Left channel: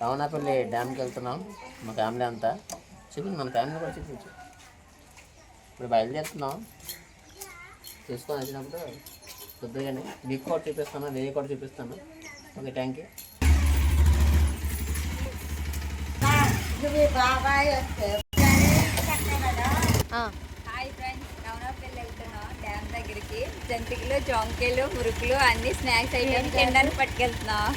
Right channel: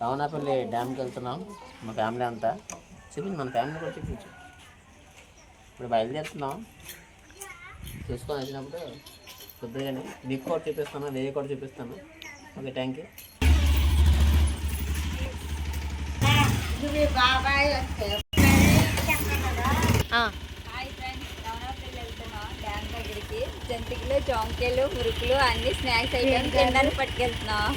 రావణపల్లి డ్యామ్కి వెళ్తున్నాం మా ఫ్యామిలీ అంతా. చూపించు, మన ఫ్యామిలీ కూడా చూపించు. ఇప్పుడు బయలుదేరుతున్నాం. చూసుకొని వచ్చినప్పుడు కొద్దిగానే మీకు కూడా చూపిస్తాను, వేరే కూడా చూపిస్తాను. Okay, thank you. బాబాయ్ హాయ్ ఫ్రెండ్స్, రావణపల్లి వెళ్తున్నాం డ్యామ్ దగ్గరికి. జంతికలు, జాంకాయలు, మురుకులు అన్ని స్నాక్స్ ఐటమ్ తినడానికి పట్టుకెళ్తున్నాం.